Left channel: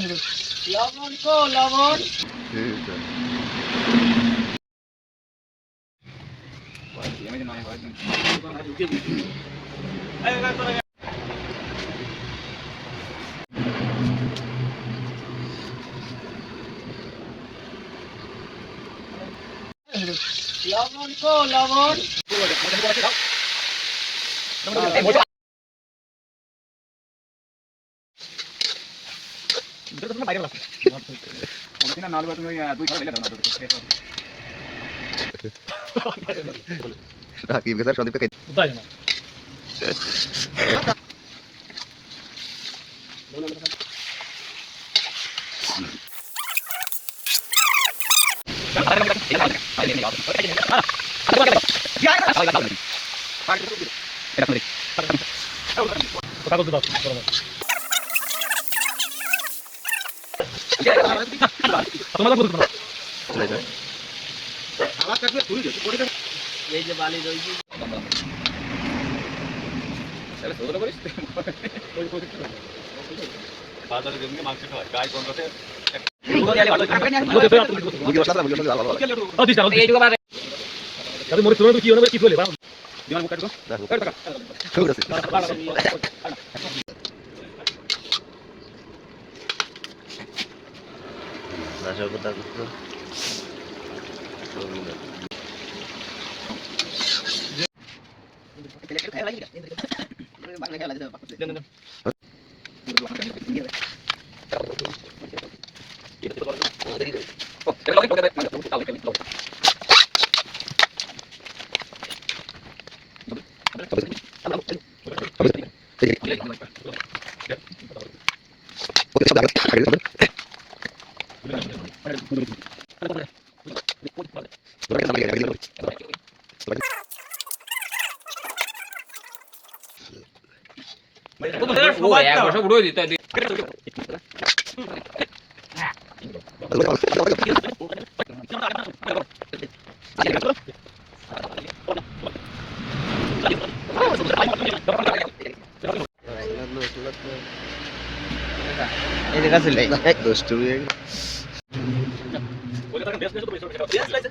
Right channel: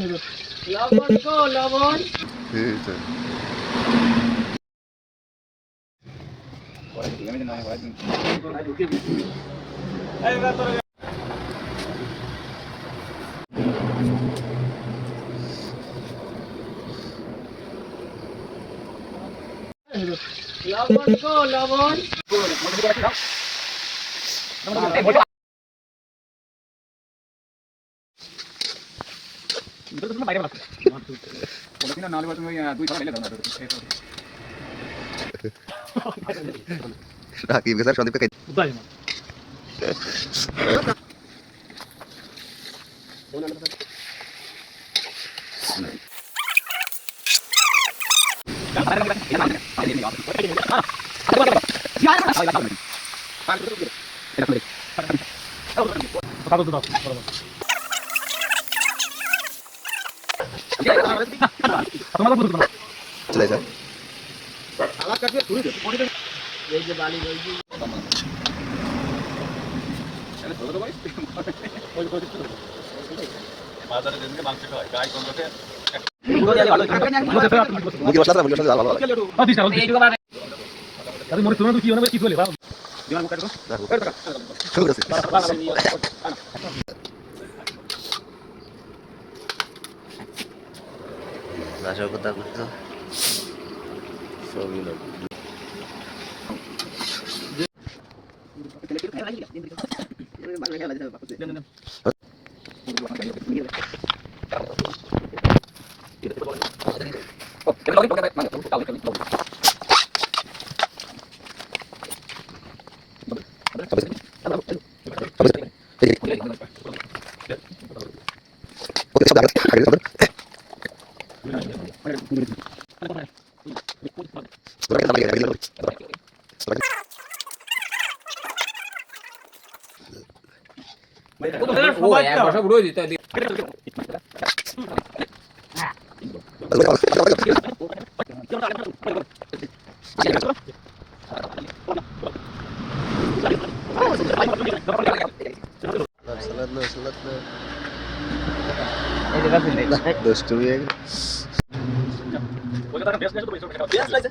লবণ কো লবণ লবণ কো লবণ রাকিব স্যার সন্দীপকে চলে স্যার এই যে বালি রইছে বাজারে যেদিনকে মাংস হয় গাই কমতে মুখে বসলা স্যার মুখে বসলা ভালো ভালো এইটুকু বারে তাহলে মরে তুলনা কি হবে কি বলে বাবা শুরু করছি নাশা কথা করতে সবই না ও এক বছর উড়ে দিতে এই যে গাছিল এই দুষ্টু হয়ে ওই কথা বেশ নেই তো